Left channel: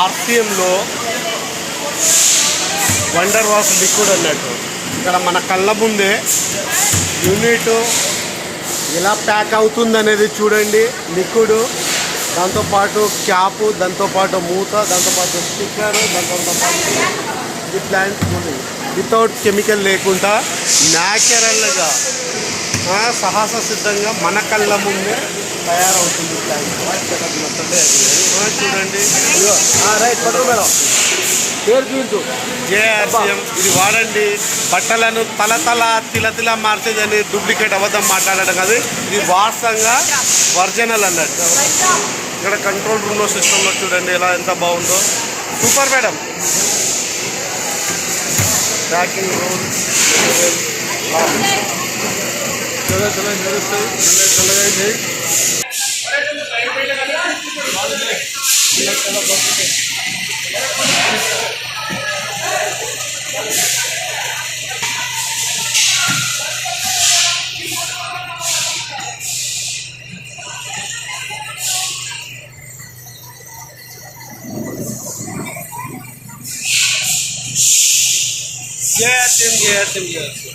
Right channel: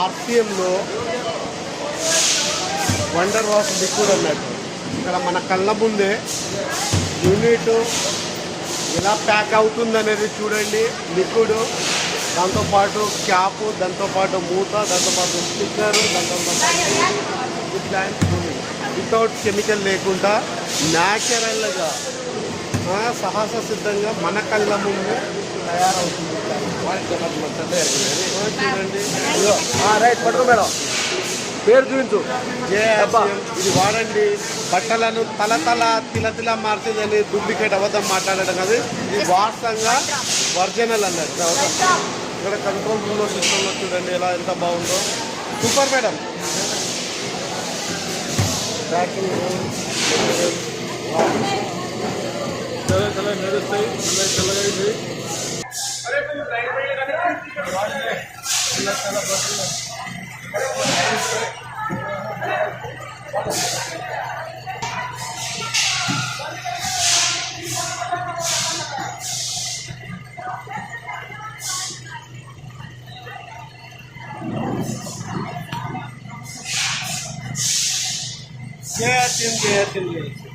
ఆర్సిఎంలో wonder wash liquid అన్నట్టు ఇక్కడ మన కళ్ళ ముందే యూనిట్ ఎలా ప్యాక్ అవుతుంది అనేది చూడండి. లిక్విడ్, దాంతోపాటు క్యాపు, దాంతోపాటు మూత, దాంతోపాటు స్టిక్కర్, దాంతోపాటు ప్లాంట్ వితౌట్ కెమికల్ లేకుండా న్యాచురల్గా సాహస సిద్ధంగా మన కళ్ళ ముందు తయారవుతుంది. చూడండి రైట్ పట్టు మేడం పేరు చూపించు. జేఆర్సీఎం ఇది వాడండి. బట్టలను తల తిల మార్చేదని డూప్లికేట్ అబద్ధం మాట్లాడడం కాదు. ఇది వాస్తవంగా ఒరిజినల్ అన్నట్టు. ఇక్కడ కంట్రోల్ రూమ్లో సిస్టంలో చూడండి ఎలా ఎంత బాగుందో. Super madam. Packing rule JRCM